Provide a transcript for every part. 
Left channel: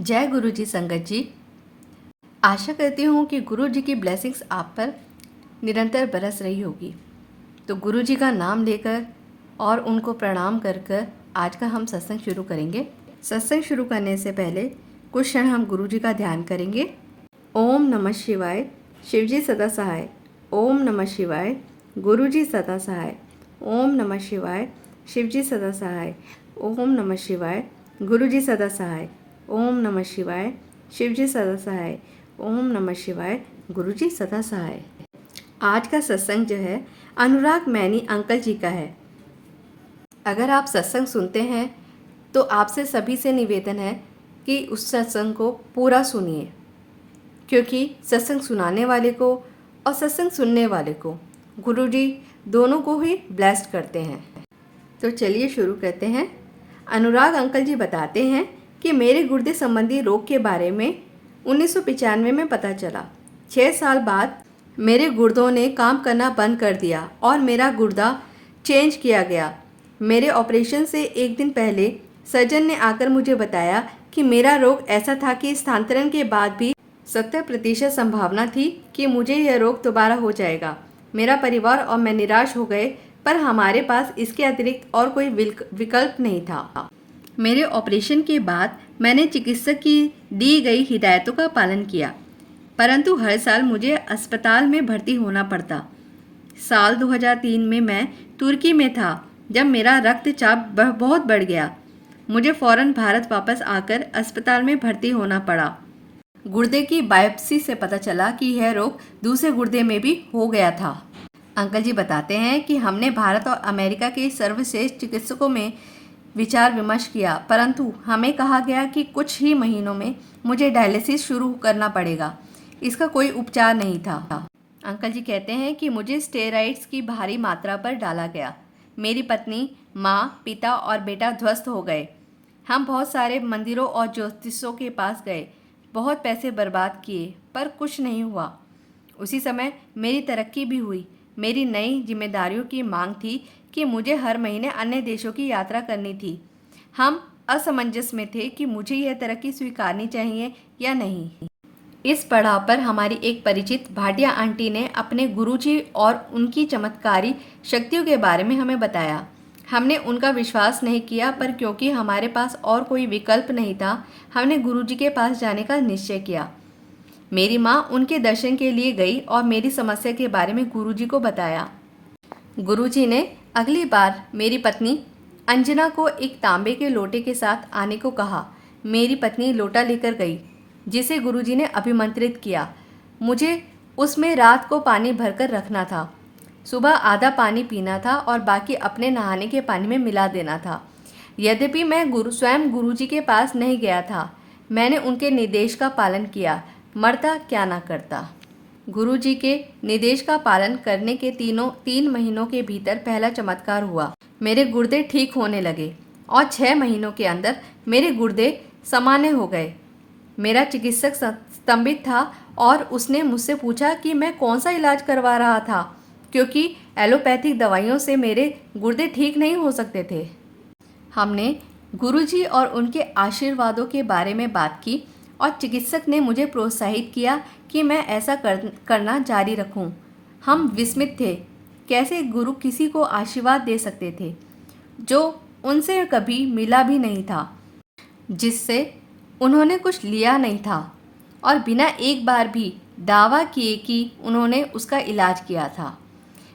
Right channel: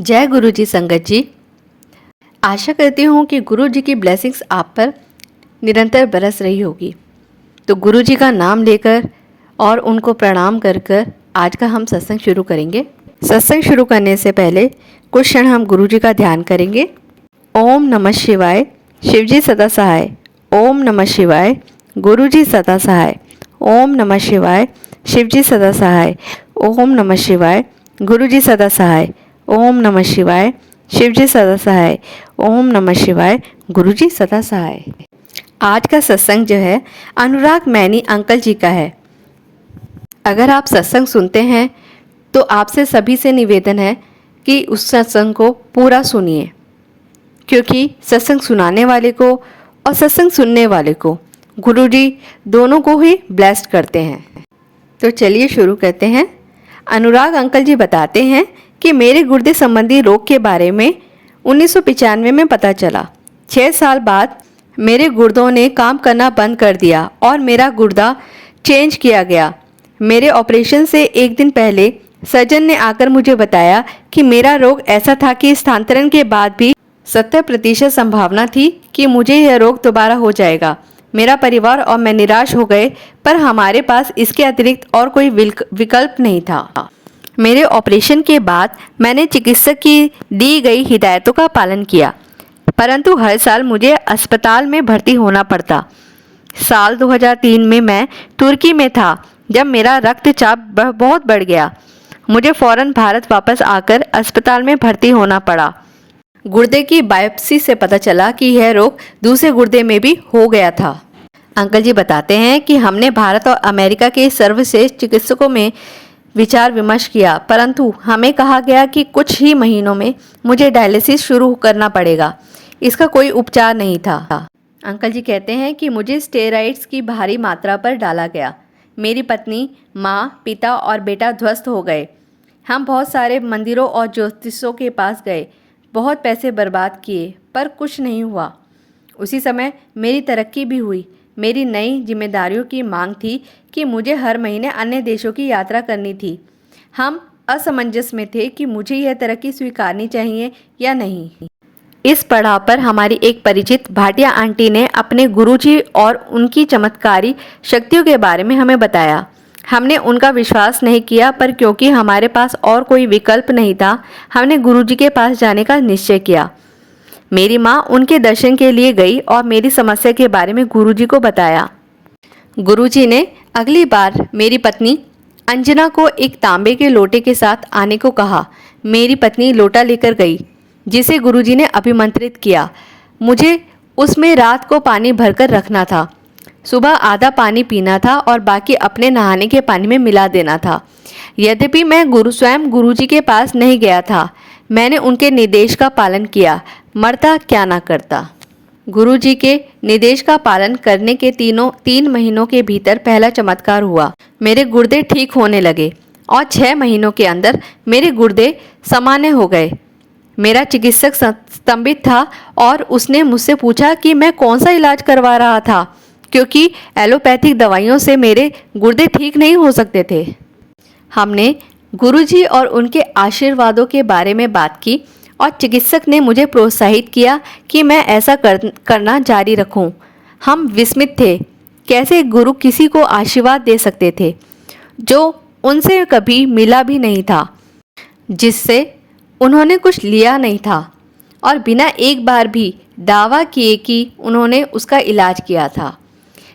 जय गुरु जी संगत जी। आशा करती हूँ कि गुरु जी की ब्लेसिंग्स आप पर निरंतर बरस रही होगी। तो गुरु जी का नाम लेकर और उनको प्रणाम कर कर आज का हम सत्संग शुरू करेंगे। सत्संग शुरू करने से पहले कुछ क्षण हम गुरु जी का ध्यान करेंगे। ओम नमः शिवाय, शिवजी सदा सहाय। ओम नमः शिवाय, गुरु जी सदा सहाय। ओम नमः शिवाय, शिवजी सदा सहाय। ओम नमः शिवाय, गुरु जी सदा सहाय। ओम नमः शिवाय, शिवजी सदा सहाय। ओम नमः शिवाय, गुरु जी सदा सहाय। आज का सत्संग जो है अनुराग मैनी अंकल जी का है। अगर आप सत्संग सुनते हैं तो आपसे सभी से निवेदन है कि उस सत्संग को पूरा सुनिए, क्योंकि सत्संग सुनाने वाले को और सत्संग सुनने वाले को गुरु जी दोनों को ही ब्लेस्ड करते हैं। तो चलिए शुरू करते हैं। अनुराग अंकल जी बताते हैं कि मेरे गुर्दे संबंधी रोग के बारे में 1995 में पता चला। 6 साल बाद मेरे गुर्दों ने काम करना बंद कर दिया और मेरा गुर्दा चेंज किया गया। मेरे ऑपरेशन से एक दिन पहले सर्जन ने आकर मुझे बताया कि मेरा रोग ऐसा था कि स्थानांतरण के बाद भी 70% संभावना थी कि मुझे यह रोग दोबारा हो जाएगा। मेरा परिवार और मैं निराश हो गए, पर हमारे पास इसके अतिरिक्त और कोई विकल्प नहीं था। मेरे ऑपरेशन के बाद मैंने चिकित्सक की दी गई हिदायतों का पालन किया, परंतु हर साल मुझे अस्पताल में भर्ती होना पड़ता। साल 2003 में मैं तुर्की में था जब मेरा रक्तचाप बहुत बढ़ गया। मुझे फौरन भारत वापस आकर अस्पताल में भर्ती होना पड़ा। गुर्दे की बायोप्सी से पता चला कि यह रोग दूसरे गुर्दे में भी हो गया था। अंकल जी बताते हैं कि हमने भारत और अमेरिका के सर्वश्रेष्ठ चिकित्सकों में विचार विमर्श किया, परंतु हमें कहा गया कि कुछ ही महीनों में मुझे डायलिसिस शुरू करना पड़ेगा। इसका कोई उपचार नहीं था। अंकल जी कहते हैं कि मुझे स्टेरॉइड्स की भारी मात्रा पर डाला गया। मेरी पत्नी, माँ, पिता और बेटा ध्वस्त हो गए। हम बहुत सारे मंदिरों और ज्योतिषों के पास गए, बहुत पैसे बर्बाद किए, पर कुछ नहीं हुआ। उसी समय मेरी तरक्की भी हुई। मेरी नई जिम्मेदारियों की मांग थी कि मुझे हर महीने अन्य देशों की यात्रा करनी थी। हम असमंजस में थे कि मुझे यह तरक्की स्वीकारनी चाहिए या नहीं। इस पड़ाव पर हमारी एक परिचित भाटिया आंटी ने अपने गुरुजी और उनकी चमत्कारी शक्तियों के बारे में हमें बताया। हमने उनका विश्वास नहीं किया, पर क्योंकि हमारे पास और कोई विकल्प नहीं था, हमने गुरुजी के पास जाने का निश्चय किया। मेरी माँ उनके दर्शन के लिए गई और मेरी समस्या के बारे में गुरुजी को बताया। गुरुजी ने अगली बार मेरी पत्नी अंजना को एक तांबे के लोटे के साथ आने को कहा। मेरी पत्नी लोटा लेकर गई, जिसे गुरुजी ने अभिमंत्रित किया। मुझे उसमें रात को पानी भरकर रखना था। सुबह आधा पानी पीना था और बाकी अपने नहाने के पानी में मिला देना था। यद्यपि मैं स्वयं गुरुजी के पास नहीं गया था, मैंने उनके निर्देश का पालन किया, मरता क्या ना करता। गुरुजी के निर्देश का पालन करने के 3 महीनों के भीतर पहला चमत्कार हुआ। मेरे गुर्दे ठीक होने लगे और 6 महीनों के अंदर मेरे गुर्दे सामान्य हो गए। मेरा चिकित्सक स्तंभित था और उसने मुझसे पूछा कि मैं कौन सा इलाज करवा रहा था, क्योंकि एलोपैथिक दवाइयों से मेरे गुर्दे ठीक नहीं हो सकते थे। हमने गुरुजी और उनके आशीर्वादों के बारे में बात की और चिकित्सक ने मुझे प्रोत्साहित किया कि मैं ऐसा करना जारी रखूं। हम विस्मित थे, कैसे गुरु किसी को आशीर्वाद दे सकते थे जो उनसे कभी मिला भी नहीं था, जिससे उन्होंने कुछ लिया नहीं था, और बिना एक बार भी दावा किए कि उन्होंने उसका इलाज किया था।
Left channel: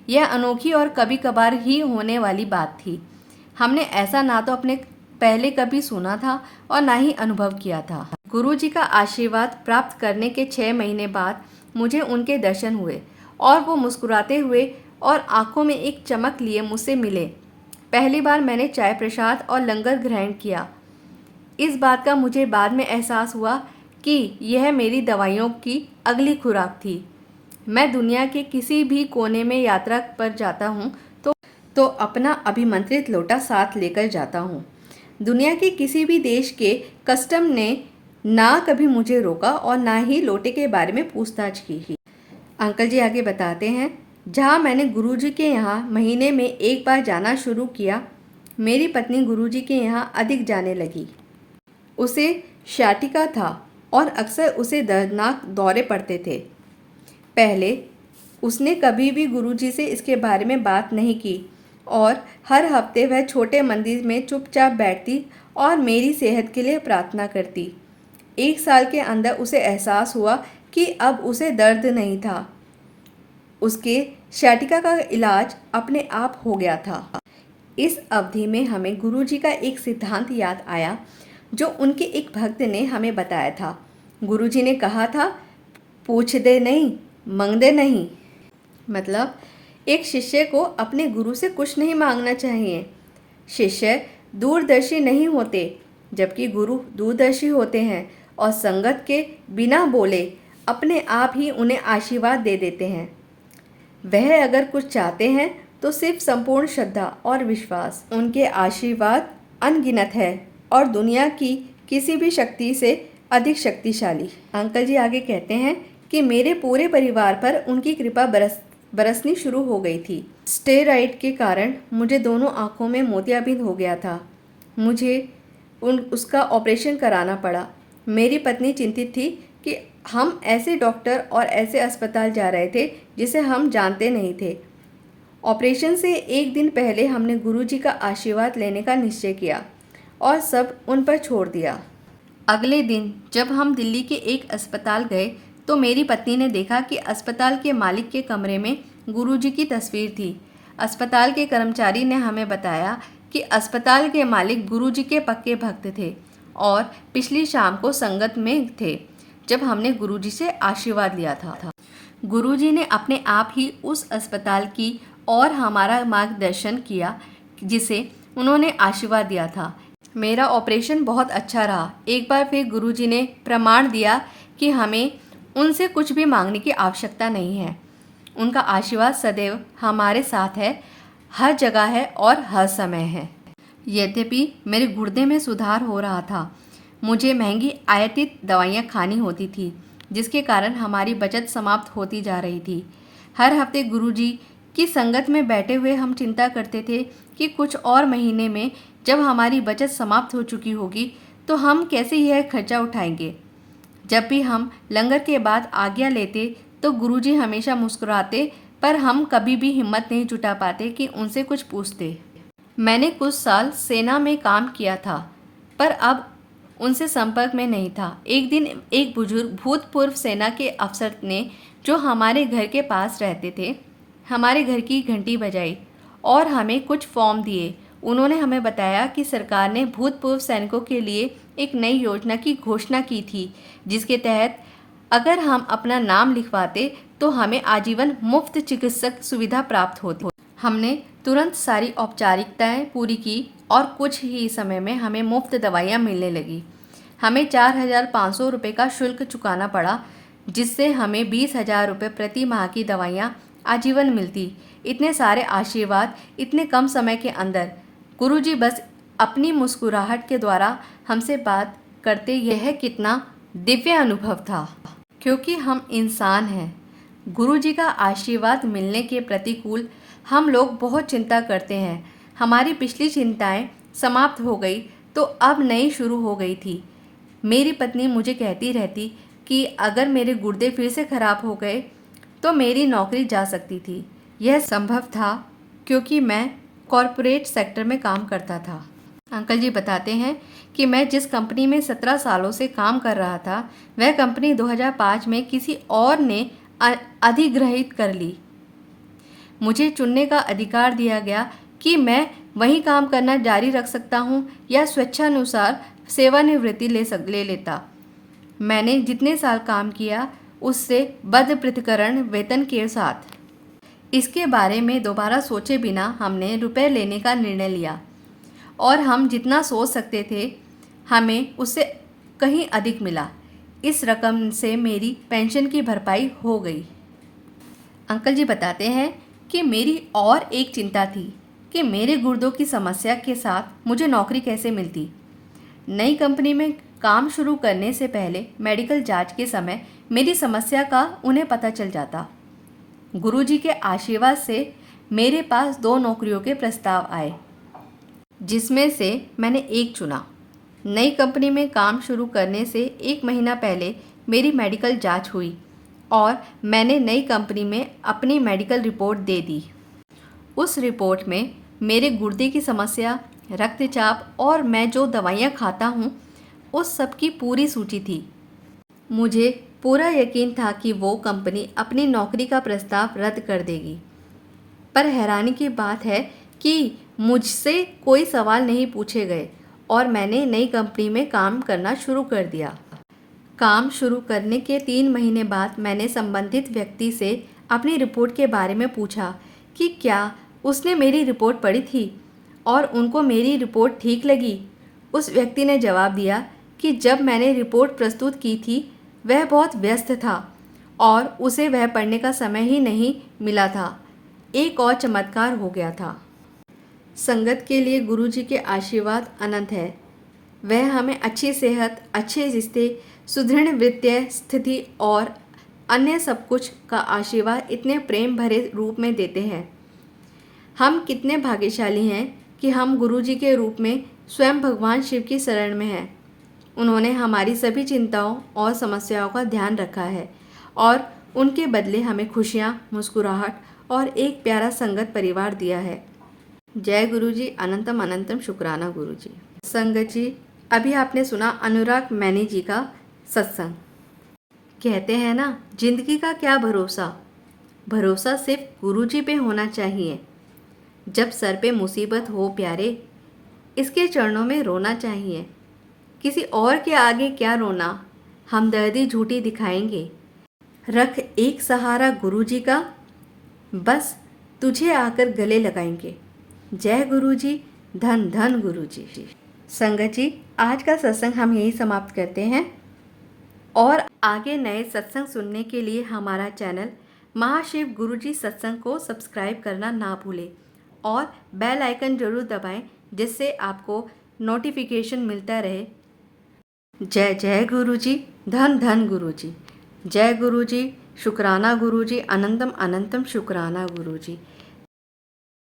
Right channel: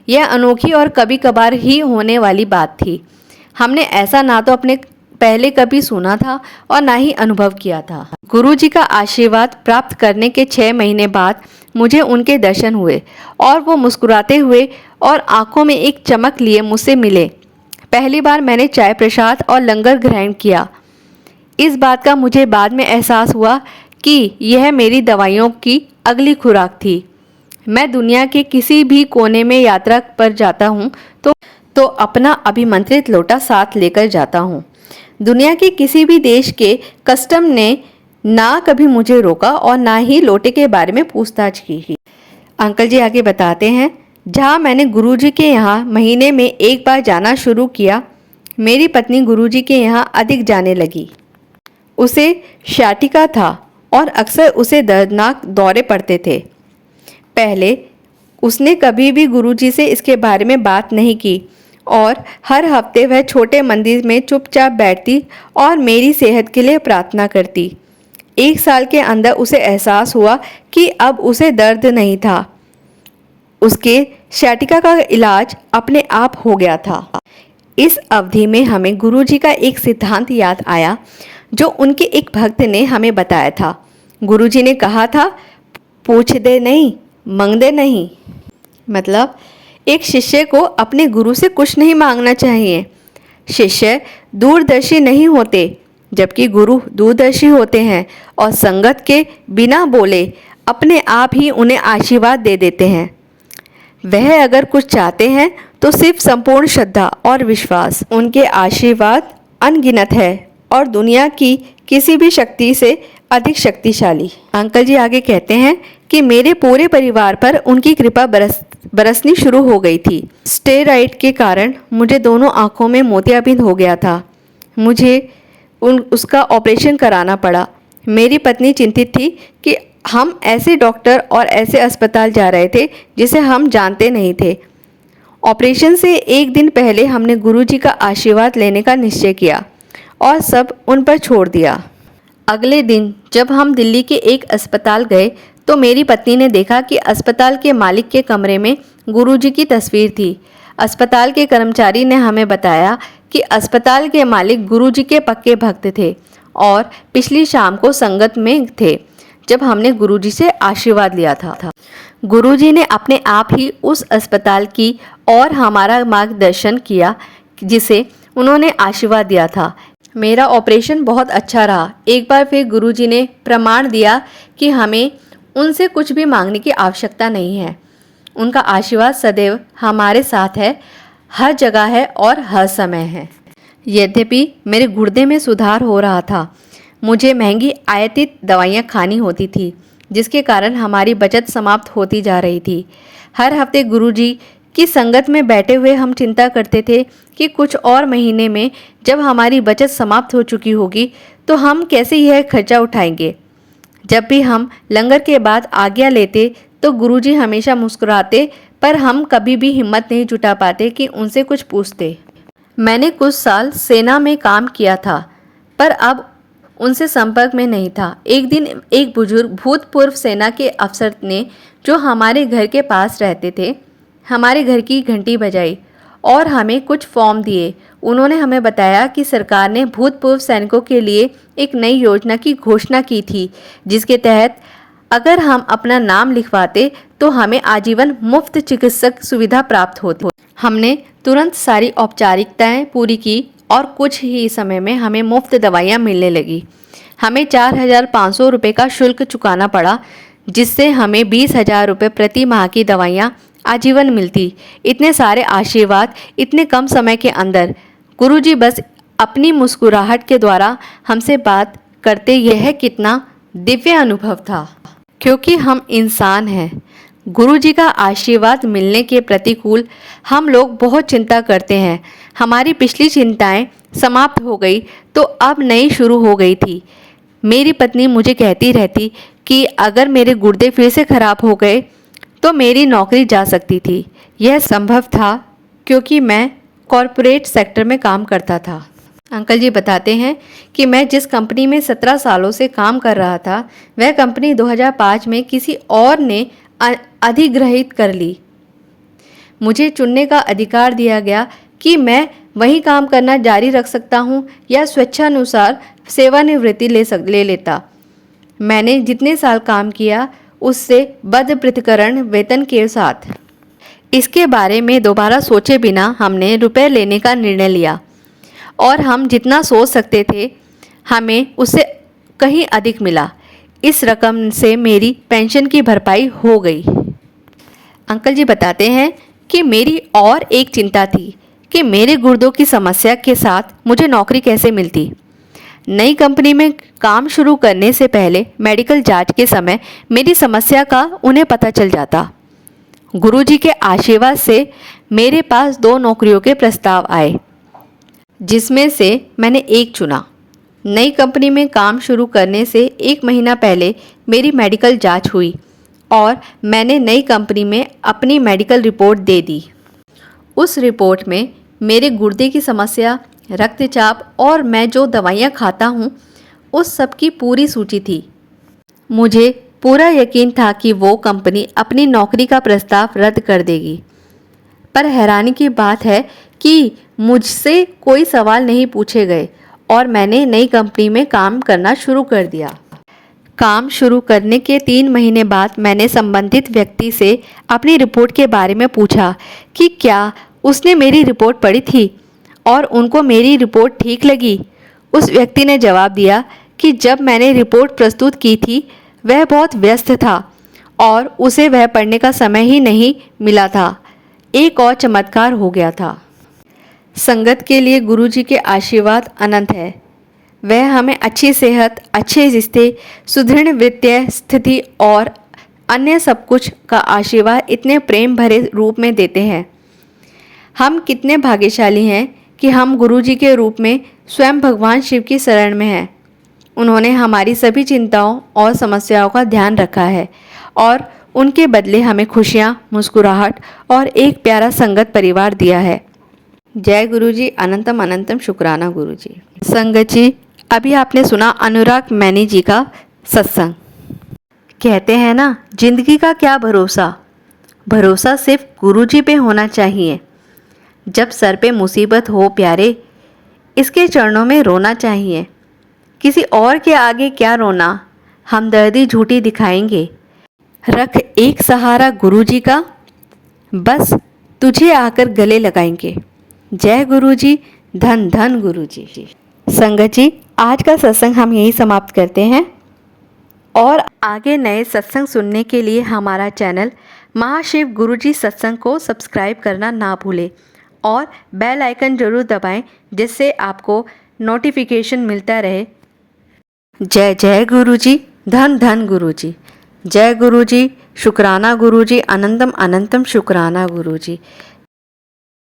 यह अनोखी और कभी कभार ही होने वाली बात थी। हमने ऐसा ना तो अपने पहले कभी सुना था और ना ही अनुभव किया था। गुरुजी का आशीर्वाद प्राप्त करने के 6 महीने बाद मुझे उनके दर्शन हुए और वो मुस्कुराते हुए और आंखों में एक चमक लिए मुझसे मिले। पहली बार मैंने चाय प्रसाद और लंगर ग्रहण किया। इस बात का मुझे बाद में एहसास हुआ कि यह मेरी दवाइयों की अगली खुराक थी। मैं दुनिया के किसी भी कोने में यात्रा पर जाता हूँ तो अपना अभिमंत्रित लोटा साथ लेकर जाता हूँ। दुनिया के किसी भी देश के कस्टम ने ना कभी मुझे रोका और ना ही लोटे के बारे में पूछताछ की। अंकल जी आगे बताते हैं, जहाँ मैंने गुरुजी के यहाँ महीने में एक बार जाना शुरू किया, मेरी पत्नी गुरुजी के यहाँ अधिक जाने लगी। उसे sciatica था और अक्सर उसे दर्दनाक दौरे पड़ते थे। पहले उसने कभी भी गुरुजी से इसके बारे में बात नहीं की और हर हफ्ते वह छोटे मंदिर में चुपचाप बैठती और मेरी सेहत के लिए प्रार्थना करती। 1 साल के अंदर उसे एहसास हुआ कि अब उसे दर्द नहीं था। उसके sciatica का इलाज अपने आप हो गया था। इस अवधि में हमें गुरुजी का एक सिद्धांत याद आया जो उनके एक भक्त ने हमें बताया था। गुरुजी ने कहा था, पूछ दे नहीं, मांग दे नहीं। मतलब एक शिष्य को अपने गुरु से कुछ नहीं मांगना चाहिए। शिष्य दूरदर्शी नहीं होते, जबकि गुरु दूरदर्शी होते हैं और संगत के बिना बोले अपने आप ही उन्हें आशीर्वाद दे देते हैं। वह अगर कुछ चाहते हैं तो सिर्फ संपूर्ण श्रद्धा और विश्वास। उनके आशीर्वाद अनगिनत है और दुनिया की किसी भी शक्ति से अधिक शक्तिशाली। अंकल जी आगे कहते हैं कि मेरे पूरे परिवार पर उनकी कृपा बरसनी शुरू हो गई थी। स्टेरॉइड के कारण मुझे दोनों आंखों में मोतियाबिंद हो गया था। मुझे उसका ऑपरेशन कराना पड़ा। मेरी पत्नी चिंतित थी कि हम ऐसे डॉक्टर और ऐसे अस्पताल जा रहे थे जिसे हम जानते नहीं थे। ऑपरेशन से 1 दिन पहले हमने गुरुजी का आशीर्वाद लेने का निश्चय किया और सब उन पर छोड़ दिया। अगले दिन जब हम दिल्ली के एक अस्पताल गए तो मेरी पत्नी ने देखा कि अस्पताल के मालिक के कमरे में गुरुजी की तस्वीर थी। अस्पताल के कर्मचारी ने हमें बताया कि अस्पताल के मालिक गुरुजी के पक्के भक्त थे और पिछली शाम को संगत में थे जब हमने गुरुजी से आशीर्वाद लिया था। गुरुजी ने अपने आप ही उस अस्पताल की और हमारा मार्गदर्शन किया जिसे उन्होंने आशीर्वाद दिया था। मेरा ऑपरेशन बहुत अच्छा रहा। एक बार फिर गुरुजी ने प्रमाण दिया कि हमें उनसे कुछ भी मांगने की आवश्यकता नहीं है। उनका आशीर्वाद सदैव हमारे साथ है, हर जगह है और हर समय है। यद्यपि मेरे गुर्दे में सुधार हो रहा था, मुझे महंगी आयातित दवाइयाँ खानी होती थी जिसके कारण हमारी बचत समाप्त होती जा रही थी। हर हफ्ते गुरुजी की संगत में बैठे हुए हम चिंता करते थे कि कुछ और महीने में जब हमारी बचत समाप्त हो चुकी होगी तो हम कैसे यह खर्चा उठाएंगे। जब भी हम लंगर के बाद आज्ञा लेते तो गुरुजी हमेशा मुस्कुराते, पर हम कभी भी हिम्मत नहीं जुटा पाते कि उनसे कुछ पूछते। मैंने कुछ साल सेना में काम किया था पर अब उनसे संपर्क में नहीं था। एक दिन एक बुजुर्ग भूतपूर्व सेना के अफसर ने, जो हमारे घर के पास रहते थे, हमारे घर की घंटी बजाई और हमें कुछ फॉर्म दिए। उन्होंने हमें बताया कि सरकार ने भूतपूर्व सैनिकों के लिए एक नई योजना की घोषणा की थी जिसके तहत अगर हम अपना नाम लिखवाते तो हमें आजीवन मुफ्त चिकित्सक सुविधा प्राप्त होती। हमने तुरंत सारी औपचारिकताएं पूरी की और कुछ ही समय में हमें मुफ्त दवाइयां मिलने लगी। हमें 4,500 रुपये का शुल्क चुकाना पड़ा जिससे हमें 20,000 रुपये प्रति माह की दवाइयां आजीवन मिलती। इतने सारे आशीर्वाद इतने कम समय के अंदर। गुरुजी बस अपनी मुस्कुराहट के द्वारा हमसे बात करते, यह कितना दिव्य अनुभव था। क्योंकि हम इंसान हैं, गुरुजी का आशीर्वाद मिलने के प्रतिकूल हम लोग बहुत चिंता करते हैं। हमारी पिछली चिंताएं समाप्त हो गई तो अब नई शुरू हो गई थी। मेरी पत्नी मुझे कहती रहती कि अगर मेरे गुर्दे फिर से खराब हो गए तो मेरी नौकरी जा सकती थी। यह संभव था क्योंकि मैं कॉरपोरेट सेक्टर में काम करता था। अंकल जी बताते हैं कि मैं जिस कंपनी में 17 सालों से काम कर रहा था वह कंपनी 2005 में किसी और ने अधिग्रहित कर ली। मुझे चुनने का अधिकार दिया गया कि मैं वही काम करना जारी रख सकता हूं या स्वेच्छानुसार सेवानिवृत्ति ले लेता। मैंने जितने साल काम किया उससे बद पृथक्करण वेतन के साथ। इसके बारे में दोबारा सोचे बिना हमने रुपए लेने का निर्णय लिया और हम जितना सोच सकते थे हमें उससे कहीं अधिक मिला। इस रकम से मेरी पेंशन की भरपाई हो गई। अंकल जी बताते हैं कि मेरी और एक चिंता थी कि मेरे गुर्दों की समस्या के साथ मुझे नौकरी कैसे मिलती। नई कंपनी में काम शुरू करने से पहले मेडिकल जांच के समय मेरी समस्या का उन्हें पता चल जाता। गुरुजी के आशीर्वाद से मेरे पास 2 नौकरियों के प्रस्ताव आए जिसमें से मैंने एक चुना। नई कंपनी में काम शुरू करने से 1 महीना पहले मेरी मेडिकल जांच हुई और मैंने नई कंपनी में अपनी मेडिकल रिपोर्ट दे दी। उस रिपोर्ट में मेरे गुर्दे की समस्या, रक्तचाप और मैं जो दवाइयाँ खाता हूँ उस सब की पूरी सूची थी। मुझे पूरा यकीन था कि वो कंपनी अपनी नौकरी का प्रस्ताव रद्द कर देगी, पर हैरानी की बात है कि मुझसे कोई सवाल नहीं पूछे गए और मैंने नई कंपनी में काम करना शुरू कर दिया। काम शुरू करने के 3 महीने बाद मैंने संबंधित व्यक्ति से अपनी रिपोर्ट के बारे में पूछा कि क्या उसने मेरी रिपोर्ट पढ़ी थी और उनको मेरी रिपोर्ट ठीक लगी। उस व्यक्ति ने जवाब दिया कि जब मैंने रिपोर्ट प्रस्तुत की थी वह बहुत व्यस्त था और उसे वह पढ़ने का समय ही नहीं मिला था। एक और चमत्कार हो गया था। संगत के लिए गुरुजी के आशीर्वाद अनंत है। वह हमें अच्छी सेहत, अच्छे रिश्ते, सुदृढ़ वित्तीय स्थिति और अन्य सब कुछ का आशीर्वाद इतने प्रेम भरे रूप में देते हैं। हम कितने भाग्यशाली हैं कि हम गुरुजी के रूप में स्वयं भगवान शिव की शरण में हैं। उन्होंने हमारी सभी चिंताओं और समस्याओं का ध्यान रखा है और उनके बदले हमें खुशियाँ, मुस्कुराहट और एक प्यारा संगत परिवार दिया है। जय गुरुजी, अनंतम अनंतम शुक्राना गुरुजी। संगत जी, अभी आपने सुना अनुराग मैनी जी का सत्संग। कहते हैं ना, जिंदगी का क्या भरोसा, भरोसा सिर्फ गुरुजी पे होना चाहिए। जब सर पे मुसीबत हो प्यारे, इसके चरणों में रोना चाहिए। किसी और के आगे क्या रोना, हमदर्दी झूठी दिखाएंगे। रख एक सहारा गुरुजी का, बस तुझे आकर गले लगाएंगे। जय गुरुजी, धन धन गुरुजी। संगत जी, आज का सत्संग हम यहीं समाप्त करते हैं और आगे नए सत्संग सुनने के लिए हमारा चैनल महाशिव गुरुजी सत्संग को सब्सक्राइब करना ना भूलें और बेल आइकन जरूर दबाएं, जिससे आपको नोटिफिकेशन मिलता रहे। जय जय गुरुजी, धन धन गुरुजी। जय गुरुजी, शुक्राना गुरुजी, अनंतम अनंतम शुक्राना गुरुजी।